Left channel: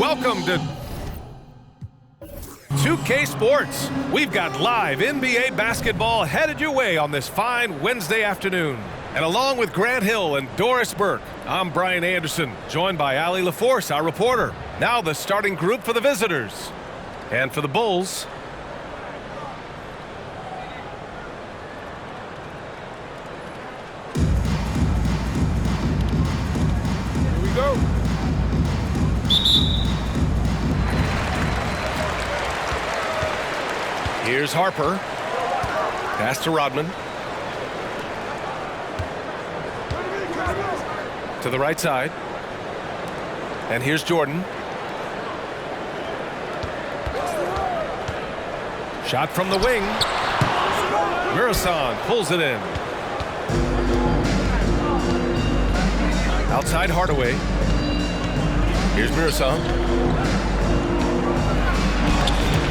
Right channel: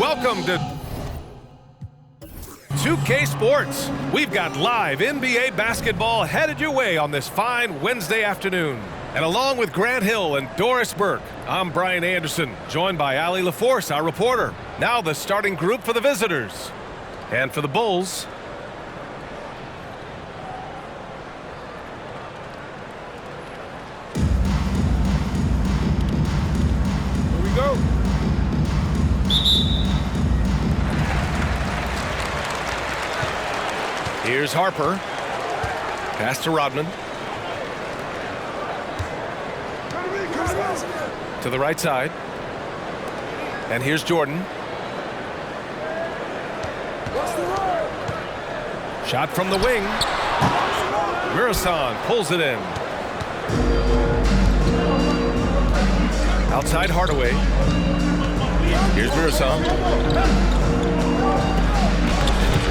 welcome to 2K Sports. We've got live NBA basketball headed your way on this fine Wednesday afternoon. And along with Grant Hill and Doris Burke, I'm Brian Anderson, joined by Allie LaForce, our reporter. Now the starting group for the visitors. And for the Bulls, here we go. Here's Harper. Pass to Rodman. To the right side. And here's Jordan. Shot from the wing. Muresan pulls it in. Outside Hardaway. Here's Muresan.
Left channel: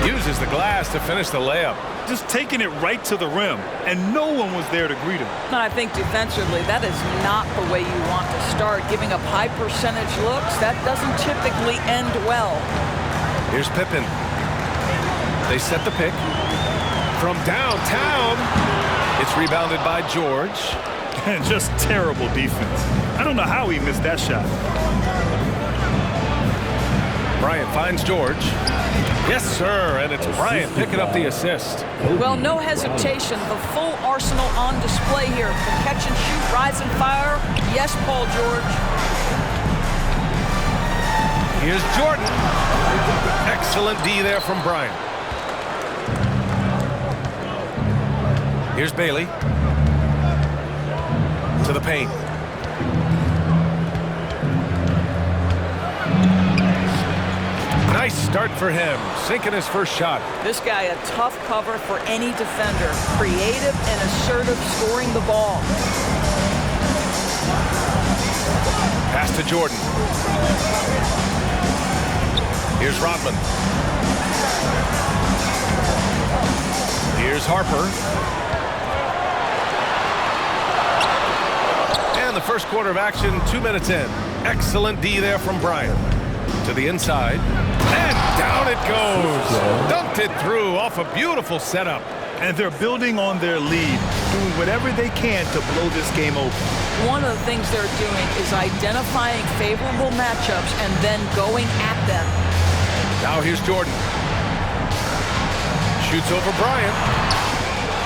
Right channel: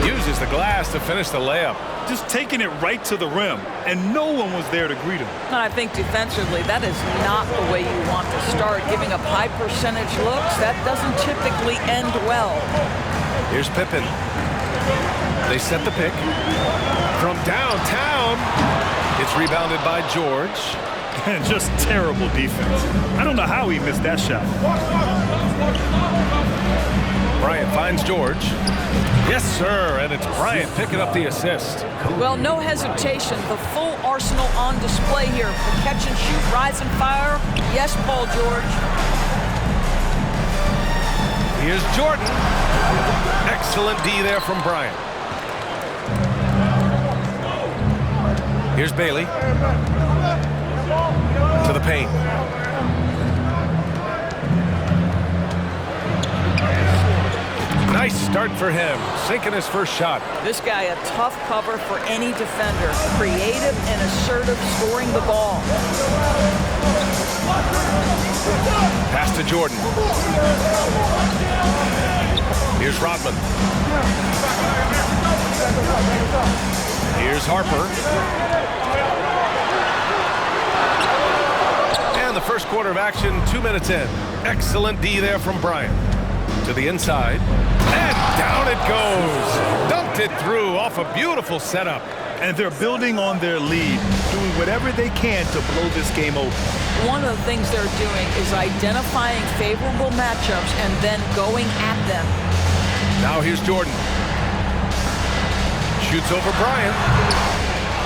Uses the glass to finish the layup. Just taking it right to the rim, and no one was there to greet him. And I think defensively, that is not the way you want to start. Giving up high percentage looks, that doesn't typically end well. Here's Pippen. They set the pick. From downtown, it's rebounded by George. And just terrible defense. I don't know how he missed that shot. Bryant finds George. Yes, sir, and it's Bryant picking up the assist. Well, no hesitation. The full arsenal on display here. The catch and shoot, rise and fire. Yes, Paul George. Here's Jordan. Excellent D there from Bryant. Here's Bailey. To the paint. Nice start for him, sinking his first shot. This guy a tough cover for any defender. Creative and assertive scoring the ball. Pass to Jordan. Here's Rodman. Here's Harper. And the first quarter of action, 2 minutes in. Excellent D there from Bryant. To the inside. And down it goes. Dunked it through off a beautiful setup. And they're building on their lead, doing whatever they can to blow this game open. One of the things they're doing is identifying favorable matchups and then going at them. Now here's Jordan. Shoots over Bryant.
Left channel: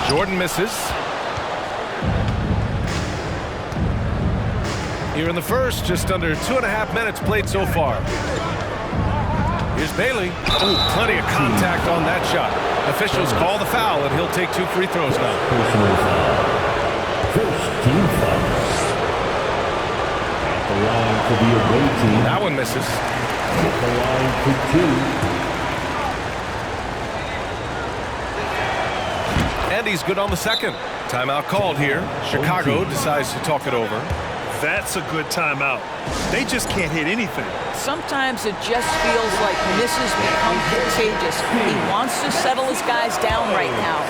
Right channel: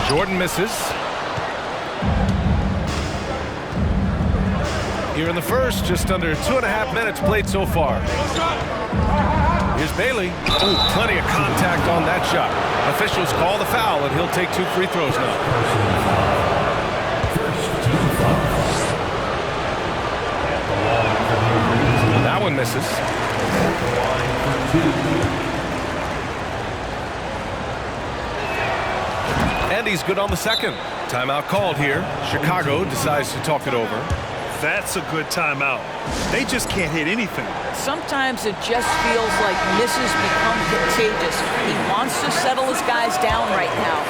Jordan misses. Here in the first, just under 2.5 minutes played so far. Here's Bailey. Oh, plenty of contact on that shot. Officials call the foul, and he'll take 2 free throws now. First team foul. At the line for the away team. That one misses. At the line for 2. And he's good on the second. Timeout called here. Chicago decides to talk it over. That's a good timeout. They just can't hit anything. Sometimes it just feels like misses become contagious. He wants to settle his guys down right now.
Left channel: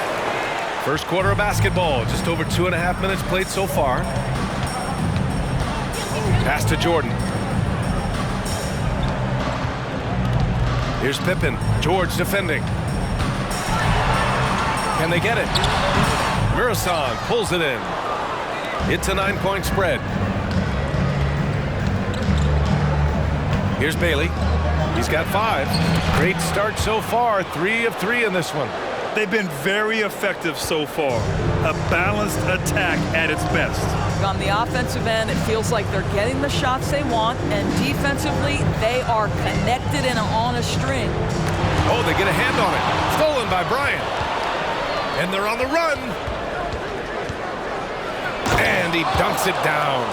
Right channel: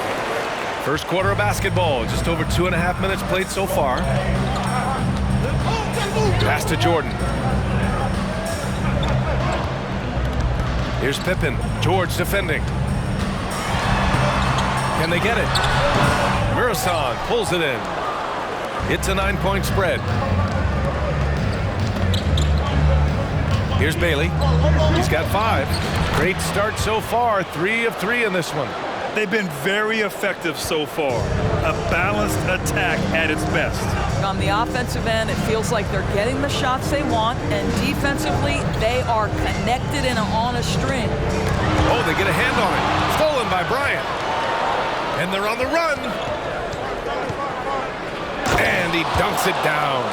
First quarter of basketball, just over 2.5 minutes played so far. Pass to Jordan. Here's Pippen. George defending. Can they get it? Muresan pulls it in. It's a 9-point spread. Here's Bailey. He's got 5. Great start so far. 3 of 3 in this one. They've been very effective so far. A balanced attack at its best. On the offensive end, it feels like they're getting the shots they want, and defensively, they are connected and on a string. Oh, they get a hand on it. Stolen by Bryant. And they're on the run. And he dunks it down.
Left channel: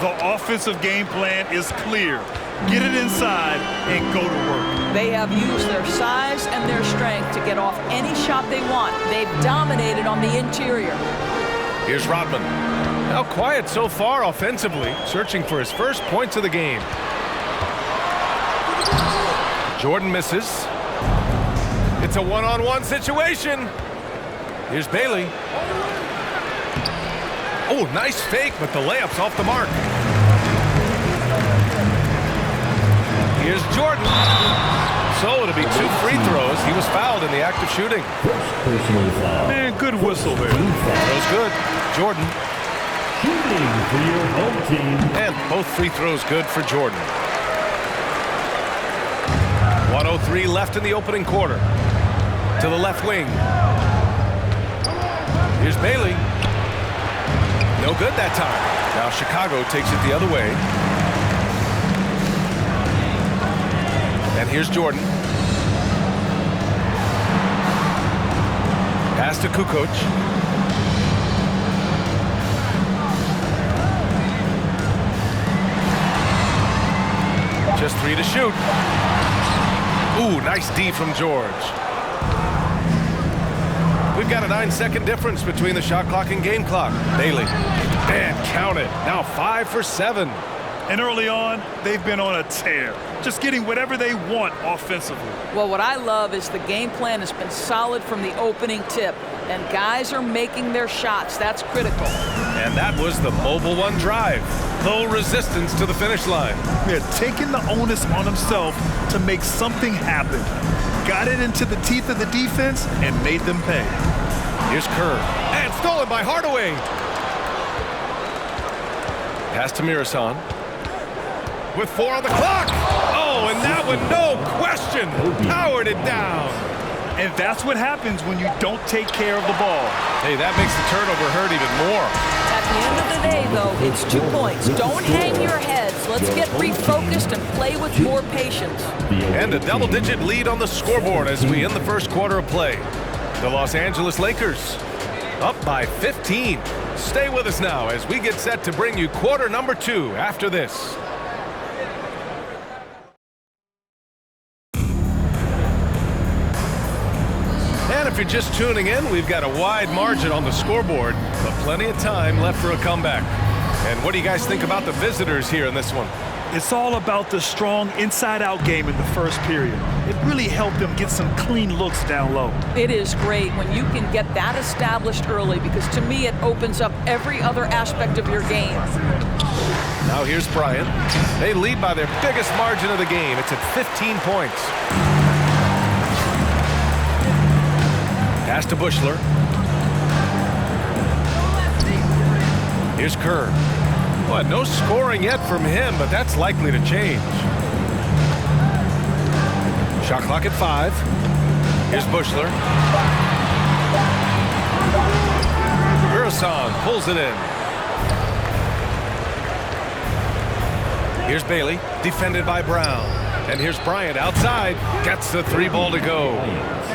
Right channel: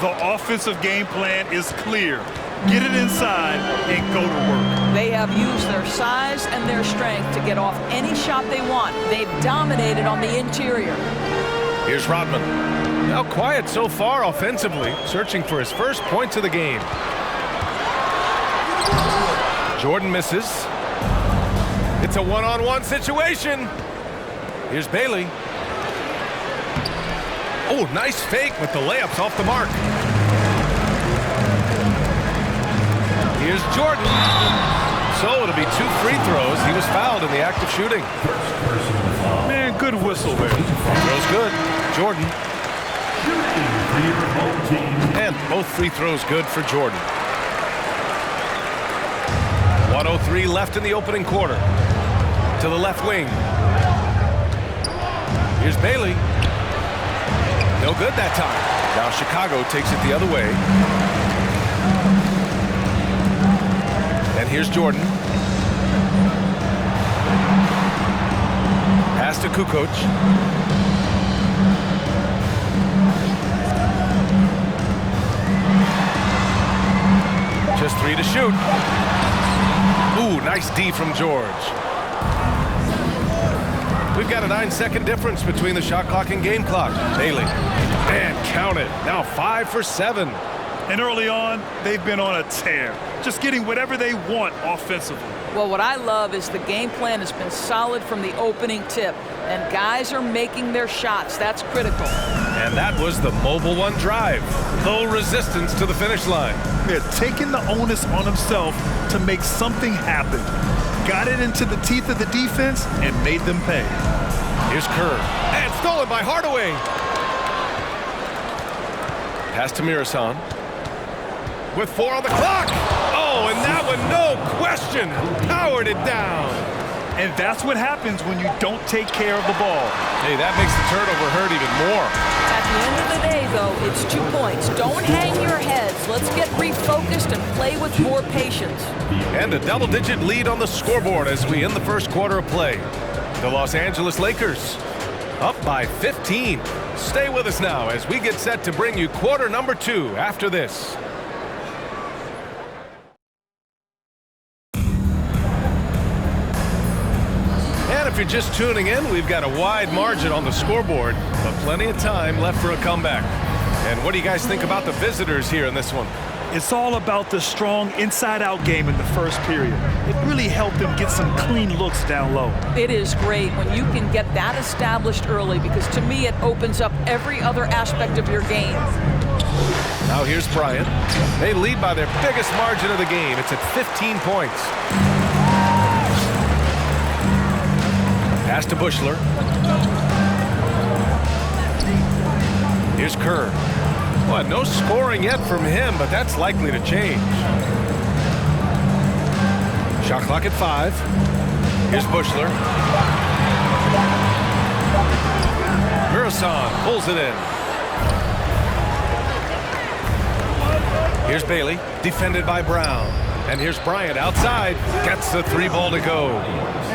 The offensive game plan is clear. Get it inside and go to work. They have used their size and their strength to get off any shot they want. They've dominated on the interior. Here's Rodman. Now quiet so far offensively, searching for his first points of the game. Jordan misses. It's a one-on-one situation. Here's Bailey. Oh, nice fake, but the layup's off the mark. Here's Jordan. So it'll be 2 free throws. He was fouled in the act of shooting. First personal foul. Man, good whistle there. Throws good. Jordan. Shooting for your home team. And both free throws good for Jordan. 1:03 left in the opening quarter. To the left wing. Here's Bailey. No good that time. Now Chicago takes it the other way. And here's Jordan. Pass to Kukoc. Just 3 to shoot. Ooh, nice D from George. We've got a 9-second difference between the shot clock and game clock. Bailey. And count it. Now 5 for 7. And early on, they've been on a tear, just getting whatever they want offensively. Well, what I love is the game plan has been solid from the opening tip, and guys are making their shots. That's critical. And that was the mobile one drive. Low resistance to the finish line. They're taking the onus on himself to make something happen. Got it into the teeth of the defense and made them pay. Here's Kerr. And stolen by Hardaway. Pass to Muresan. With 4 on the clock. Oh, and that one, no question, powered it down. And that's what happens when you don't take care of the ball. Hey, that makes the turnover hurt even more. At the end of the day, though, it's 2 points. Don't hang your heads. Let's get refocused and play with more patience. And a double-digit lead on the scoreboard as we end the first quarter of play. The Los Angeles Lakers up by 15. Stay with us now as we get set to bring you quarter number 2 after this. And if you're just tuning in, we've got a wide margin on the scoreboard, but plenty of time left for a comeback. And what do you guys think about the visitors here in this one? It's all about the strong inside-out game in the first period. It really helped them get some clean looks down low. It is great when you can get that established early, because to me it opens up every other aspect of your game. Now here's Bryant. They lead by their biggest margin of the game. It's at 15 points. Pass to Bushler. Here's Kerr. Well, no scoring yet from him, but that's likely to change. Shot clock at 5. Here's Bushler. Muresan pulls it in. Here's Bailey, defended by Brown. And here's Bryant outside, gets the 3 ball to go.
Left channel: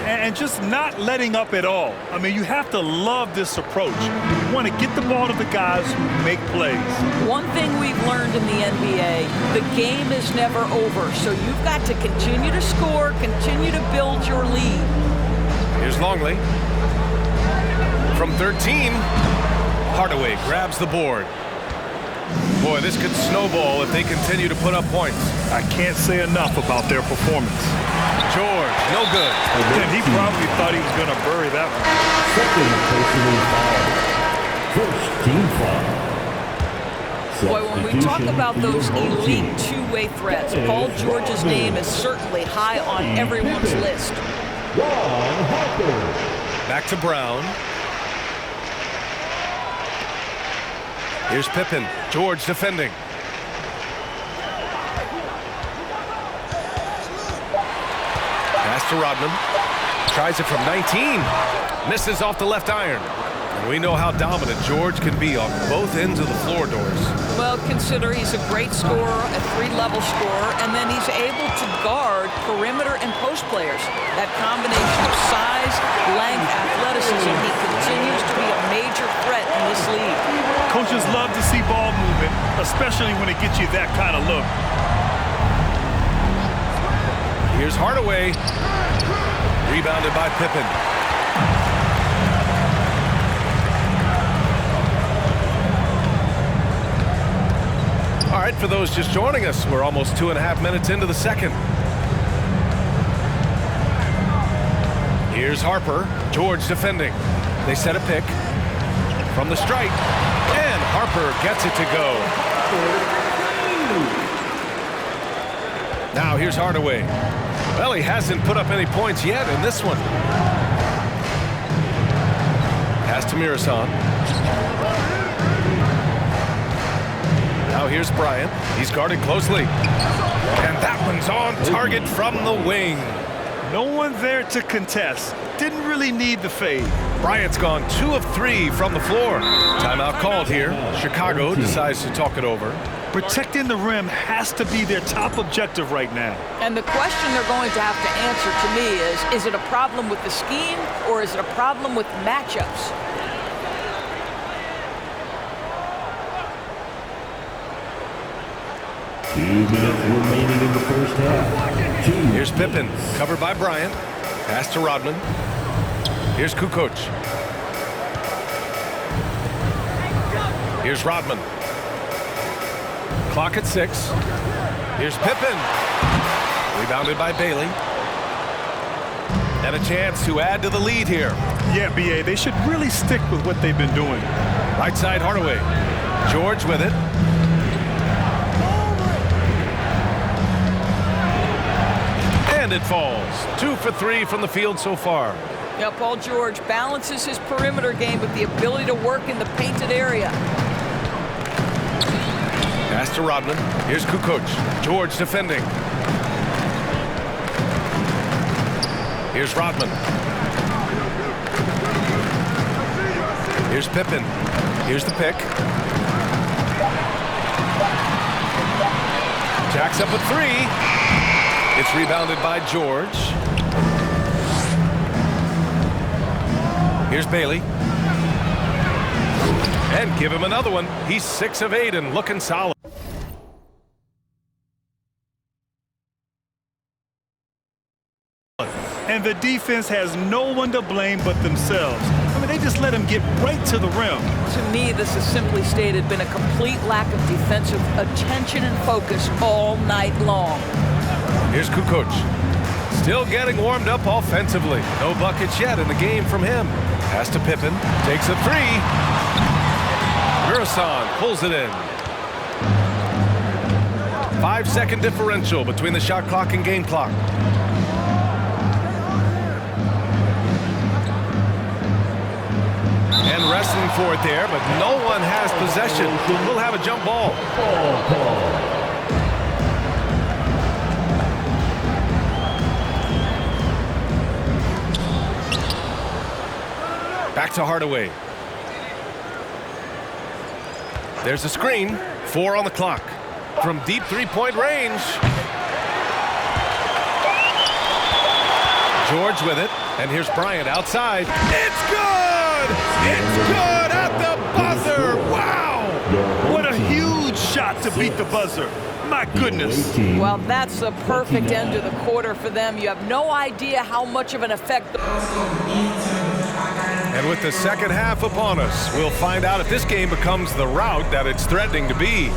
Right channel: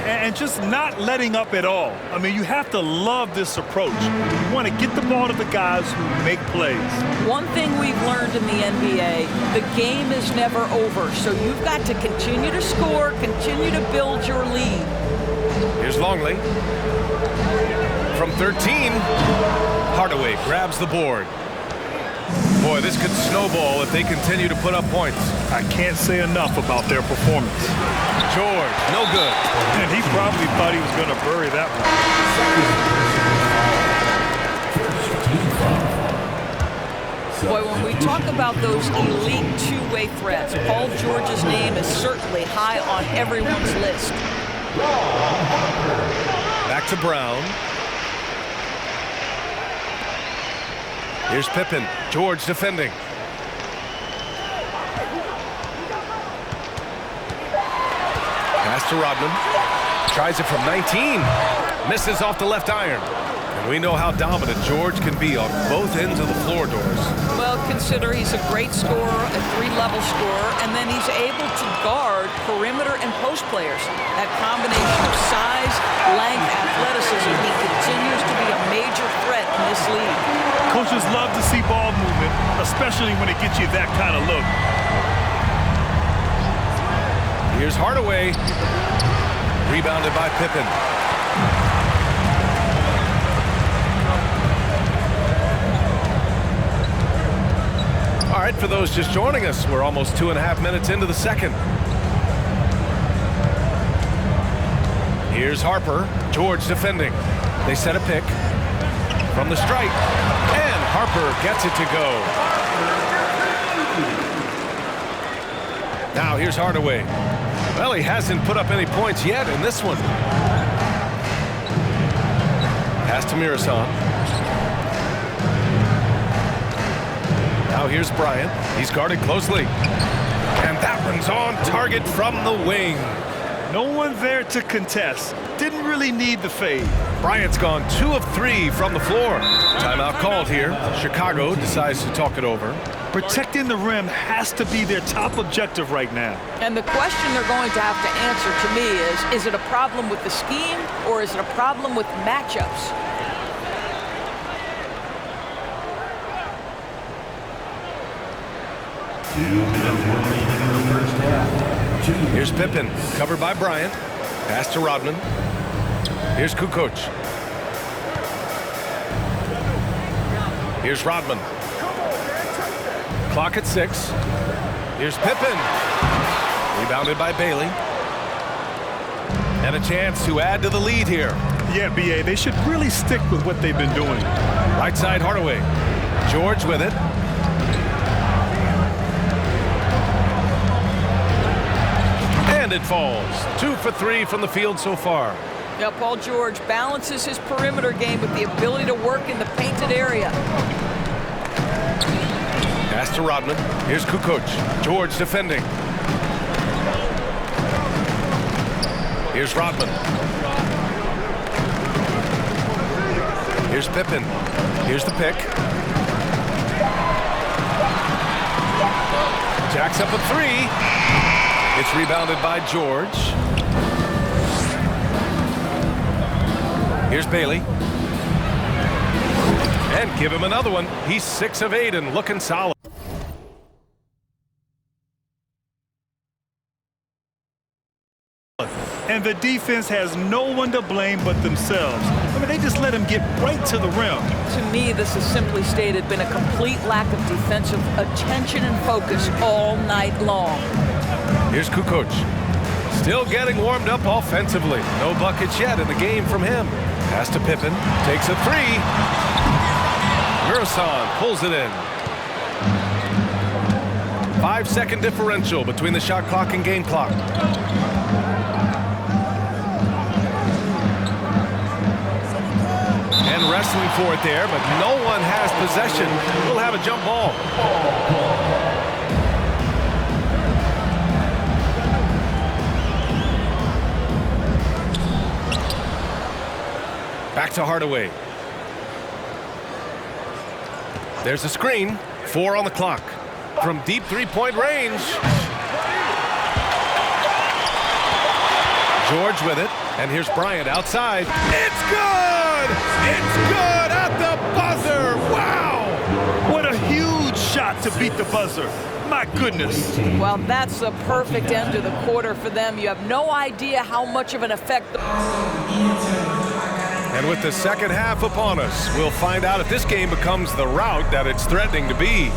And just not letting up at all. I mean, you have to love this approach. You want to get the ball to the guys who make plays. One thing we've learned in the NBA, the game is never over. So you've got to continue to score, continue to build your lead. Here's Longley. From 13, Hardaway grabs the board. Boy, this could snowball if they continue to put up points. I can't say enough about their performance. George, no good. And he probably thought he was going to bury that one. Second personal foul. First team foul. Boy, when we talk about those elite two-way threats, Paul George's name is certainly high on everyone's list. Back to Brown. Here's Pippen. George defending. Pass to Rodman. Tries it from 19. Misses off the left iron. And we know how dominant George can be on both ends of the floor, Doris. Well, consider he's a great scorer, a 3-level scorer, and then he's able to guard perimeter and post players. That combination of size, length, athleticism, he continues to be a major threat in this league. Coaches love to see ball movement, especially when it gets you that kind of look. Here's Hardaway. Rebounded by Pippen. All right, for those just joining us, we're almost 2.5 minutes into the second. Here's Harper. George defending. They set a pick from the stripe, and Harper gets it to go. Now here's Hardaway. Well, he hasn't put up any points yet in this one. Pass to Muresan. Now here's Bryant. He's guarded closely. And that one's on target from the wing. No one there to contest. Didn't really need the fade. Bryant's gone 2 of 3 from the floor. Timeout called here. Chicago decides to talk it over. Protecting the rim has to be their top objective right now. And the question they're going to have to answer to me is it a problem with the scheme or is it a problem with matchups? Two minutes remaining in the first half. Here's Pippen, covered by Bryant. Pass to Rodman. Here's Kukoc. Here's Rodman. Clock at 6. Here's Pippen. Rebounded by Bailey. And a chance to add to the lead here. Yeah, B.A., they should really stick with what they've been doing. Right side, Hardaway. George with it. And it falls. 2 for 3 from the field so far. Yeah, Paul George balances his perimeter game with the ability to work in the painted area. Pass to Rodman. Here's Kukoc. George defending. Here's Rodman. Here's Pippen. Here's the pick. Jacks up a 3. It's rebounded by George. Here's Bailey. And give him another one. He's 6 of 8 and looking solid. And the defense has no one to blame but themselves. I mean, they just let him get right to the rim. To me, this has simply stated been a complete lack of defensive attention and focus all night long. Here's Kukoc. Still getting warmed up offensively. No buckets yet in the game from him. Pass to Pippen. Takes a 3. Muresan pulls it in. 5-second differential between the shot clock and game clock. And wrestling for it there, but no one has possession. We'll have a jump ball. Back to Hardaway. There's a screen. 4 on the clock. From deep 3-point range. George with it. And here's Bryant outside. It's good! It's good at the buzzer! Wow! What a huge shot to beat the buzzer. My goodness. Well, that's the perfect end to the quarter for them. You have no idea how much of an effect. And with the second half upon us, we'll find out if this game becomes the rout that it's threatening to be.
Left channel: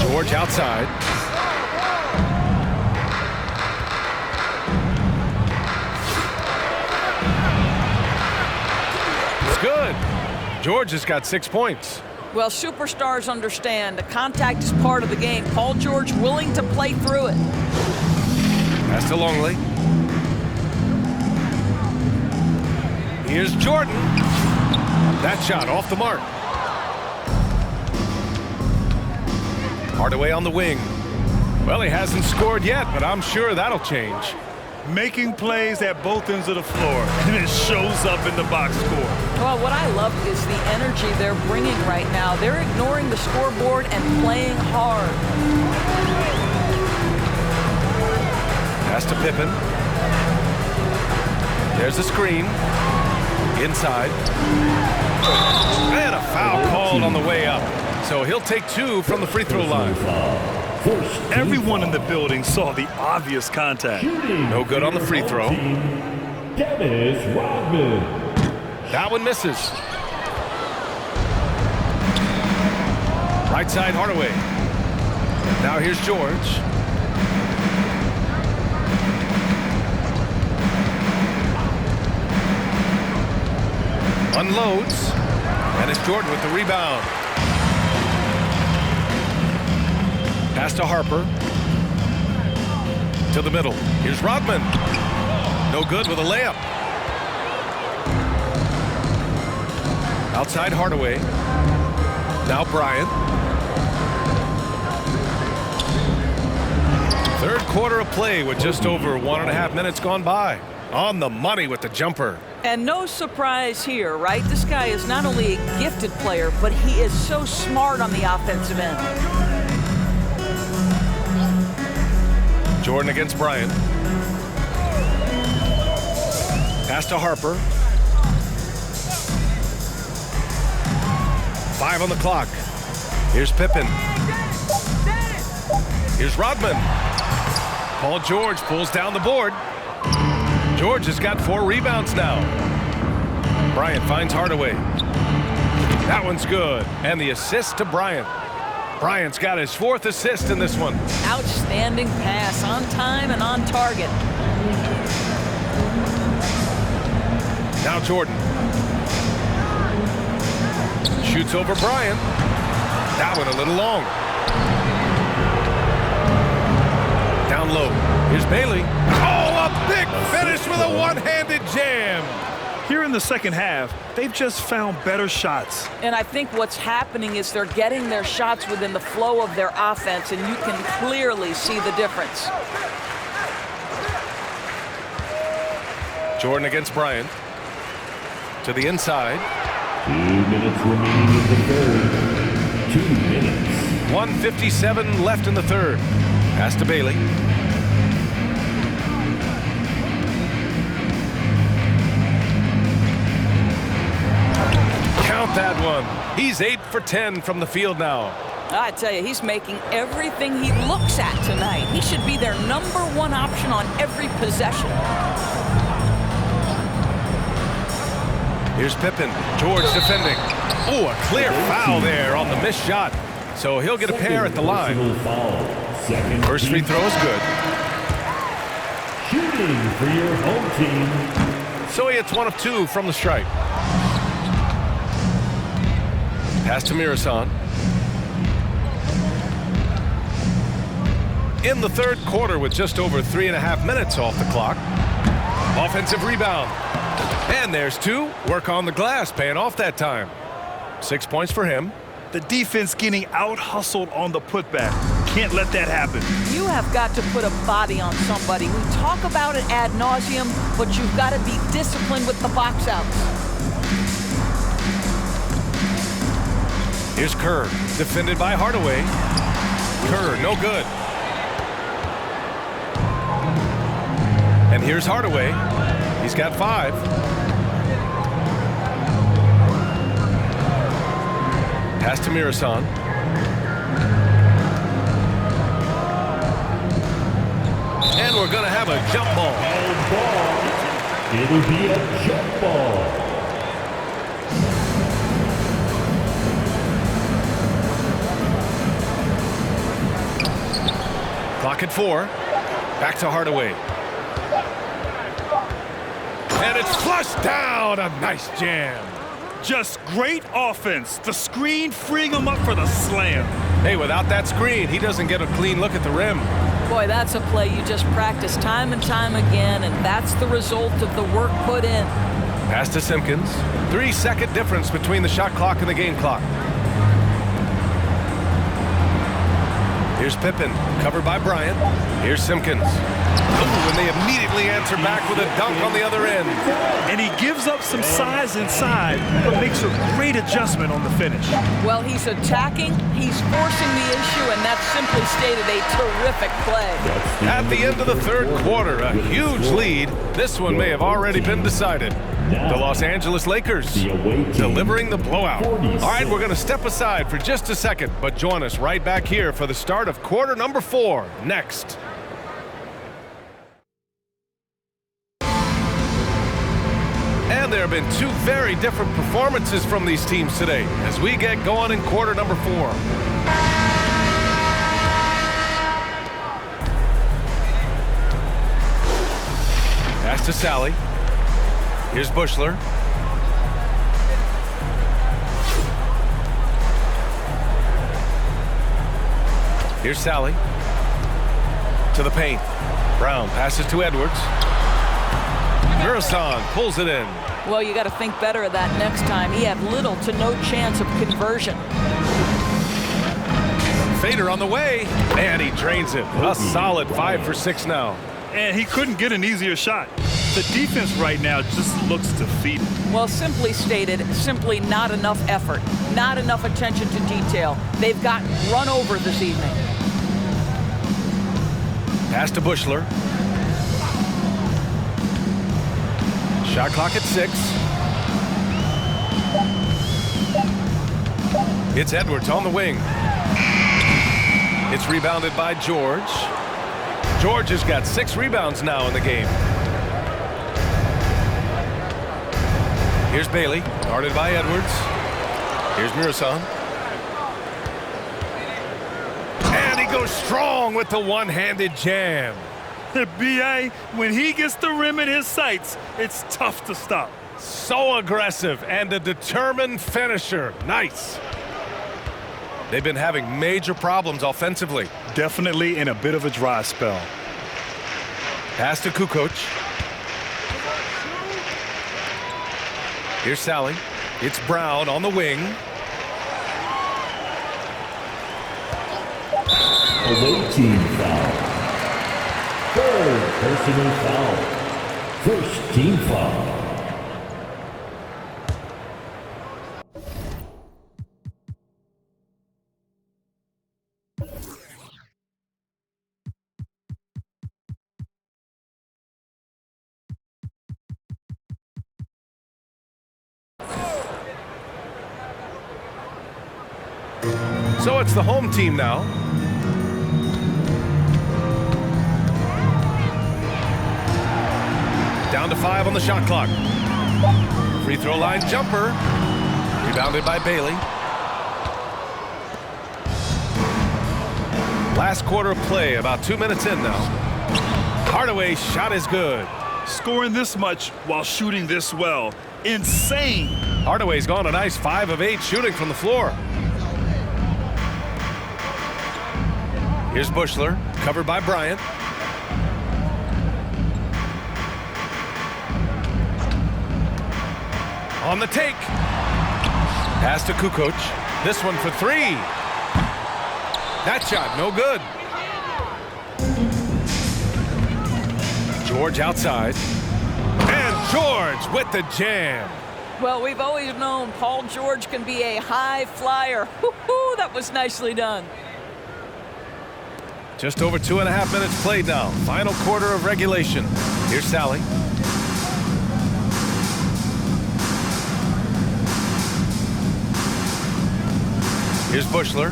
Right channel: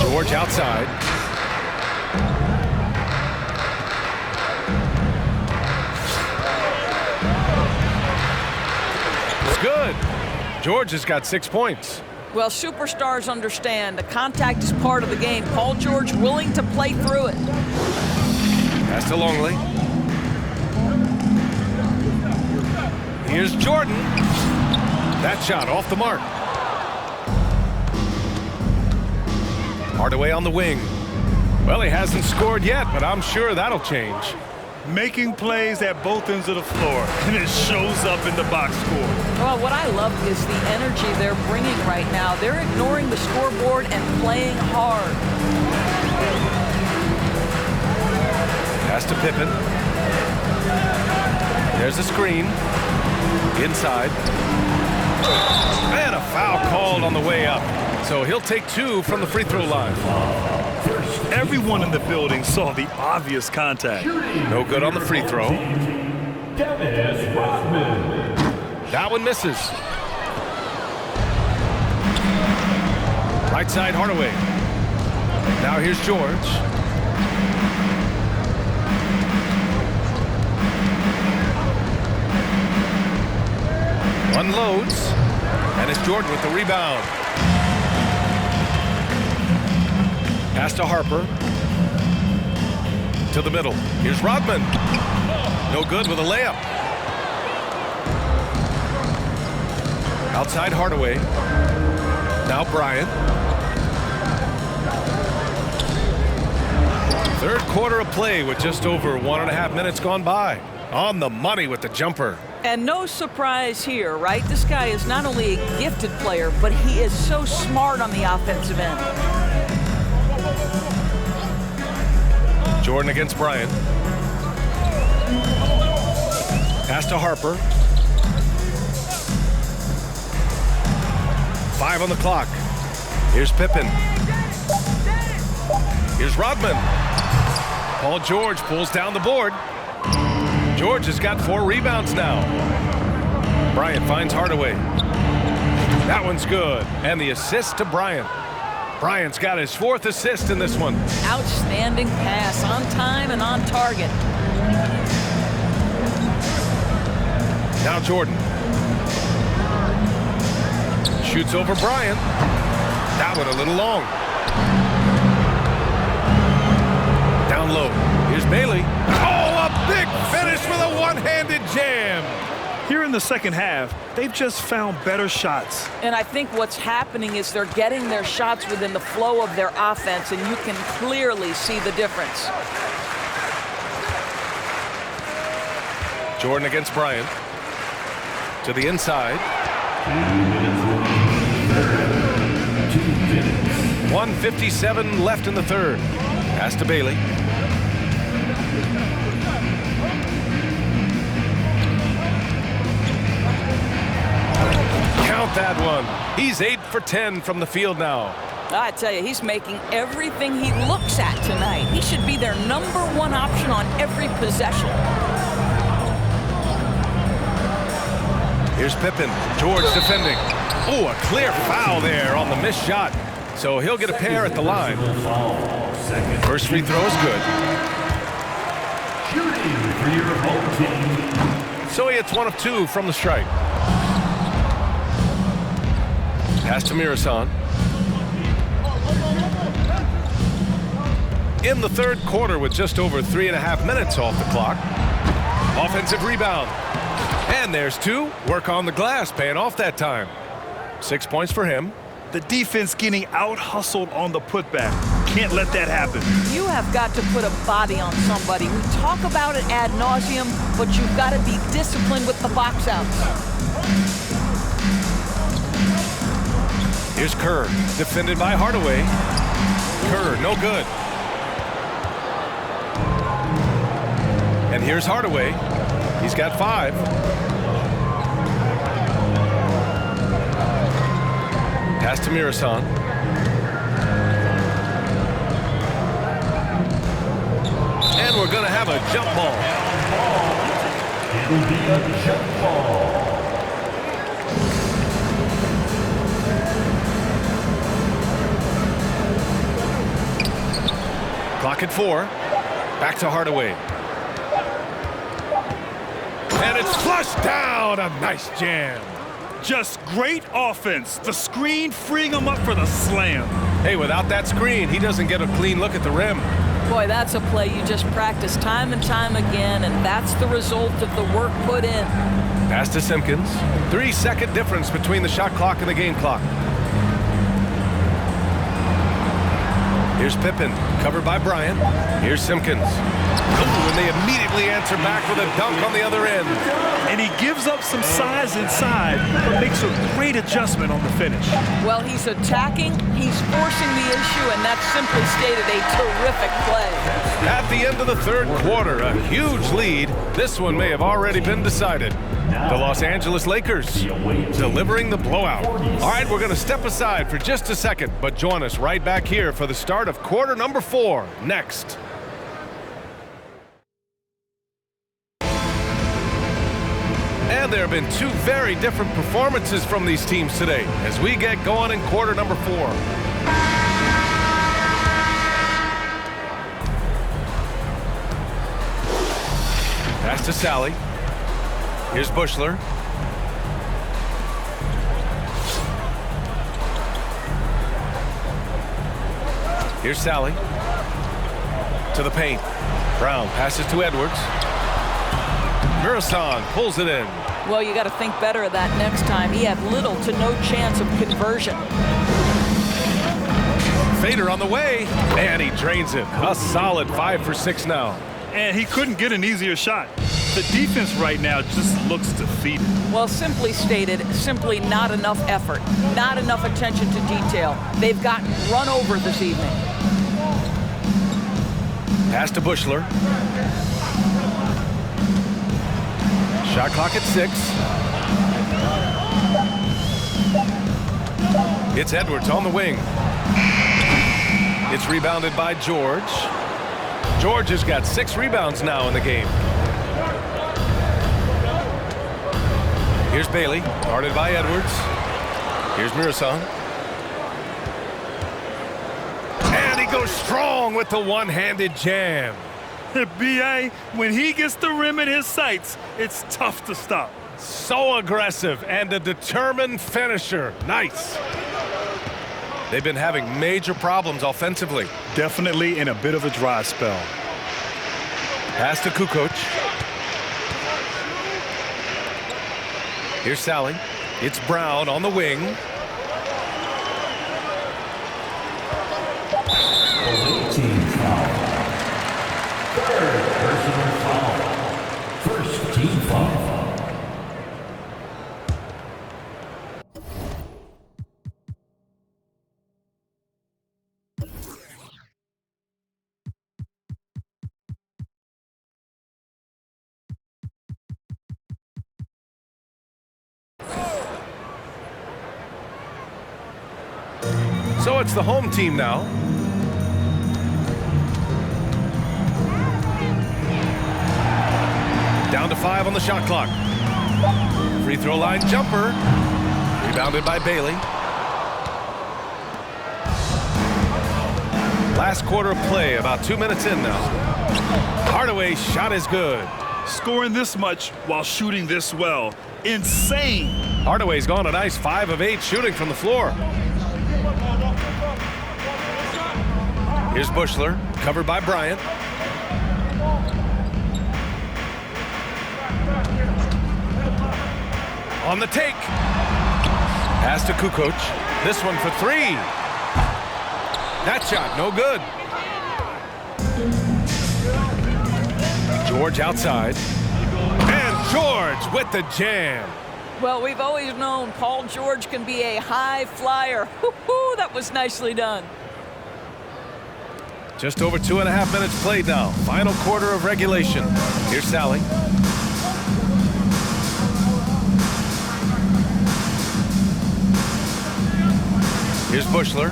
George outside. It's good. George has got 6 points. Well, superstars understand the contact is part of the game. Paul George willing to play through it. Pass to Longley. Here's Jordan. That shot off the mark. Hardaway on the wing. Well, he hasn't scored yet, but I'm sure that'll change. Making plays at both ends of the floor, and it shows up in the box score. Well, what I love is the energy they're bringing right now. They're ignoring the scoreboard and playing hard. Pass to Pippen. There's a screen. Inside. And a foul called on the way up. So he'll take 2 from the free throw line. Everyone in the building saw the obvious contact. No good on the free throw. Dennis Rodman. That one misses. Right side, Hardaway. Now here's George. Unloads. And it's Jordan with the rebound. Pass to Harper. To the middle. Here's Rodman. No good with a layup. Outside Hardaway. Now Bryant. Third quarter of play with just over 1.5 minutes gone by. On the money with the jumper. And no surprise here, right? This guy is not only a gifted player, but he is so smart on the offensive end. Jordan against Bryant. Pass to Harper. 5 on the clock. Here's Pippen. Here's Rodman. Paul George pulls down the board. George has got 4 rebounds now. Bryant finds Hardaway. That one's good. And the assist to Bryant. Bryant's got his 4th assist in this one. Outstanding pass, on time and on target. Now Jordan. Shoots over Bryant. That one a little long. Down low. Here's Bailey. Oh, a big finish with a one-handed jam. Here in the second half, they've just found better shots. And I think what's happening is they're getting their shots within the flow of their offense, and you can clearly see the difference. Jordan against Bryant. To the inside. 2 minutes remaining in the third. 2 minutes. 1:57 left in the third. Pass to Bailey. Count that one. He's 8 for 10 from the field now. I tell you, he's making everything he looks at tonight. He should be their #1 option on every possession. Here's Pippen. George defending. Oh, a clear foul there on the missed shot. So he'll get a pair at the line. First free throw is good. Shooting for your home team. So he hits 1 of 2 from the stripe. Pass to Muresan. In the third quarter with just over 3.5 minutes off the clock. Offensive rebound. And there's 2. Work on the glass, paying off that time. 6 points for him. The defense getting out-hustled on the putback. Can't let that happen. You have got to put a body on somebody. We talk about it ad nauseum, but you've got to be disciplined with the box outs. Here's Kerr, defended by Hardaway. Kerr, no good. And here's Hardaway. He's got 5. Pass to Muresan. And we're going to have a jump ball. It'll be a jump ball. Clock at 4. Back to Hardaway. And it's flushed down. A nice jam. Just great offense. The screen freeing him up for the slam. Hey, without that screen, he doesn't get a clean look at the rim. Boy, that's a play you just practice time and time again, and that's the result of the work put in. Pass to Simpkins. 3-second difference between the shot clock and the game clock. Here's Pippen, covered by Bryant. Here's Simpkins. Oh, and they immediately answer back with a dunk on the other end. And he gives up some size inside, but makes a great adjustment on the finish. Well, he's attacking, he's forcing the issue, and that's simply stated a terrific play. At the end of the third quarter, a huge lead. This one may have already been decided. The Los Angeles Lakers delivering the blowout. All right, we're going to step aside for just a second, but join us right back here for the start of quarter number 4 next. And there have been 2 very different performances from these teams today as we get going in quarter number 4. Pass to Sally. Here's Bushler. Here's Sally. To the paint. Brown passes to Edwards. Muresan pulls it in. Well, you got to think better of that next time. He had little to no chance of conversion. Fader on the way, and he drains it. A solid 5 for 6 now. And he couldn't get an easier shot. The defense right now just looks defeated. Well, simply stated, simply not enough effort, not enough attention to detail. They've gotten run over this evening. Pass to Bushler. Shot clock at 6. It's Edwards on the wing. It's rebounded by George. George has got 6 rebounds now in the game. Here's Bailey, guarded by Edwards. Here's Muresan. And he goes strong with the one-handed jam. B.A., when he gets the rim in his sights, it's tough to stop. So aggressive and a determined finisher. Nice. They've been having major problems offensively. Definitely in a bit of a dry spell. Pass to Kukoc. Here's Sally. It's Brown on the wing. Away team foul. Third personal foul. First team foul. So it's the home team now. Down to 5 on the shot clock. Free throw line jumper. Rebounded by Bailey. Last quarter of play, about 2 minutes in now. Hardaway's shot is good. Scoring this much while shooting this well. Insane. Hardaway's gone a nice 5 of 8 shooting from the floor. Here's Bushler, covered by Bryant. On the take. Pass to Kukoc. This one for 3. That shot, no good. George outside. And George with the jam. Well, we've always known Paul George can be a high flyer. Woo-hoo, that was nicely done. Just over 2.5 minutes played now. Final quarter of regulation. Here's Sally. Here's Bushler.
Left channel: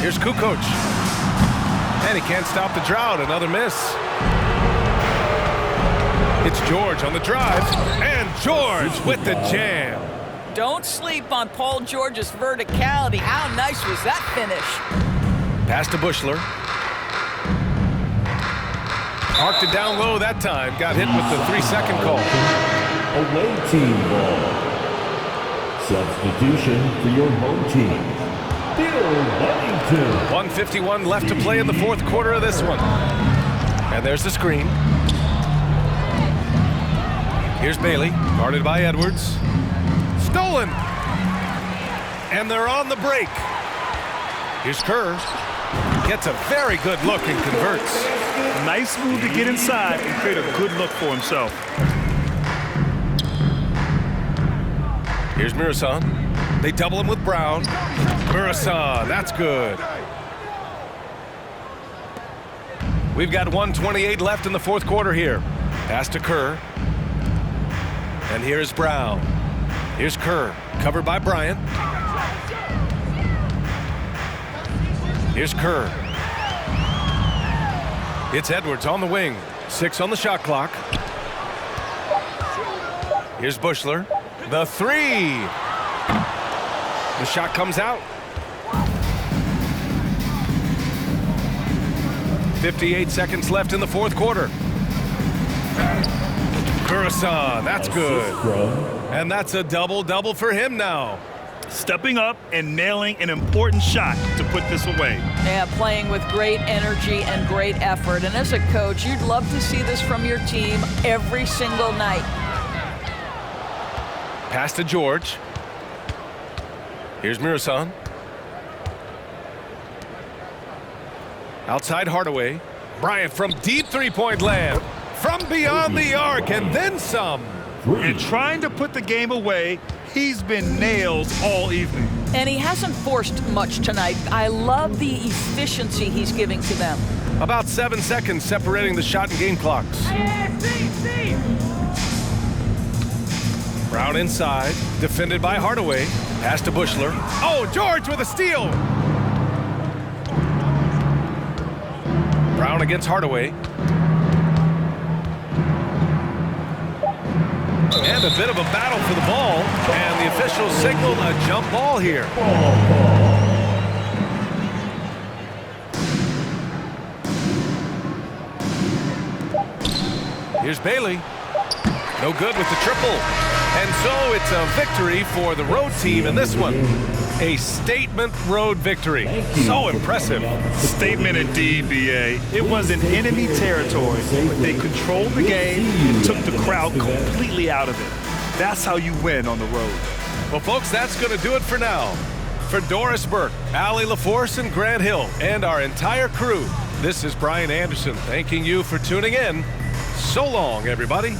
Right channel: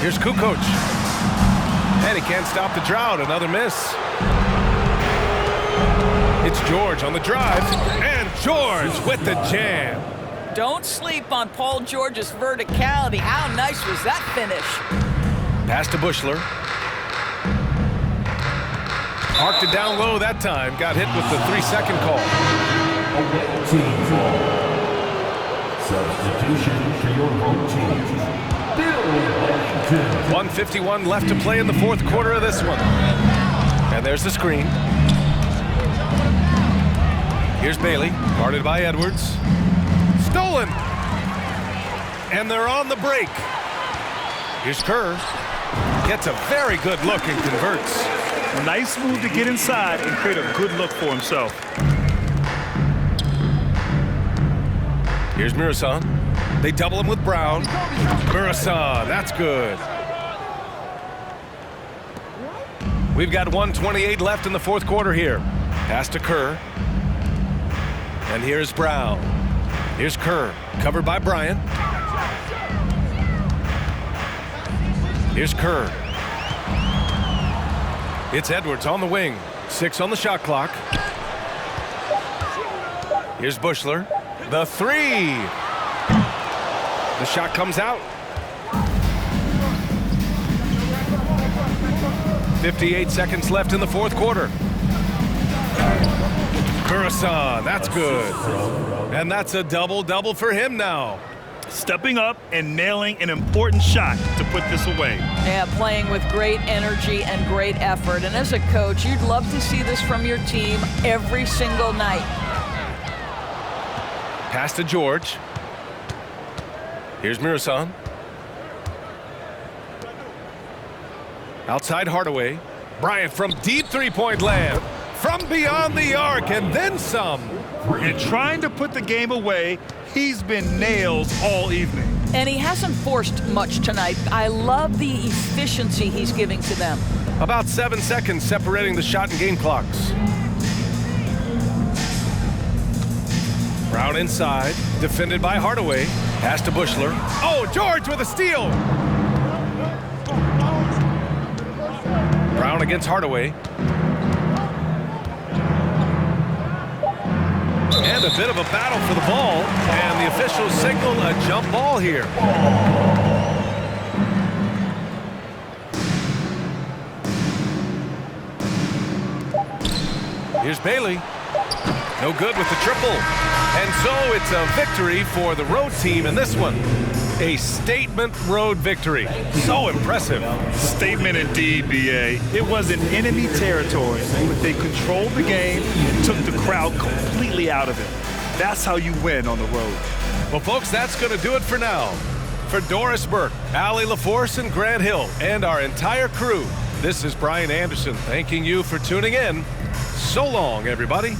Here's Kukoc. And he can't stop the drought. Another miss. It's George on the drive. And George with the jam. Don't sleep on Paul George's verticality. How nice was that finish? Pass to Bushler. Arced it down low that time. Got hit with the 3-second call. Away team ball. Substitution for your home team. Bill Wellington. 1:51 left to play in the fourth quarter of this one. And there's the screen. Here's Bailey, guarded by Edwards. Stolen. And they're on the break. Here's Kerr. Gets a very good look and converts. Nice move to get inside and create a good look for himself. Here's Muresan. They double him with Brown. Muresan, that's good. We've got 1:28 left in the fourth quarter here. Pass to Kerr. And here's Brown. Here's Kerr, covered by Bryant. Here's Kerr. It's Edwards on the wing. 6 on the shot clock. Here's Bushler. The 3. The shot comes out. 58 seconds left in the fourth quarter. Muresan, that's good. And that's a double-double for him now. stepping up and nailing an important shot to put this away. Yeah, playing with great energy and great effort. And as a coach, you'd love to see this from your team every single night. Pass to Gheorghe. Here's Muresan. Outside Hardaway. Bryant from deep three-point land. From beyond the arc and then some. And trying to put the game away, he's been nails all evening. And he hasn't forced much tonight. I love the efficiency he's giving to them. About 7 seconds separating the shot and game clocks. Brown inside, defended by Hardaway. Pass to Bushler. Oh, Gheorghe with a steal. Brown against Hardaway. And a bit of a battle for the ball, and the officials signaled a jump ball here. Here's Bailey. No good with the triple. And so it's a victory for the road team in this one. A statement road victory. So impressive. Statement indeed, B.A. It was in enemy territory, but they controlled the game and took the crowd completely out of it. That's how you win on the road. Well, folks, that's going to do it for now. For Doris Burke, Allie LaForce, and Grant Hill, and our entire crew, this is Brian Anderson thanking you for tuning in. So long, everybody.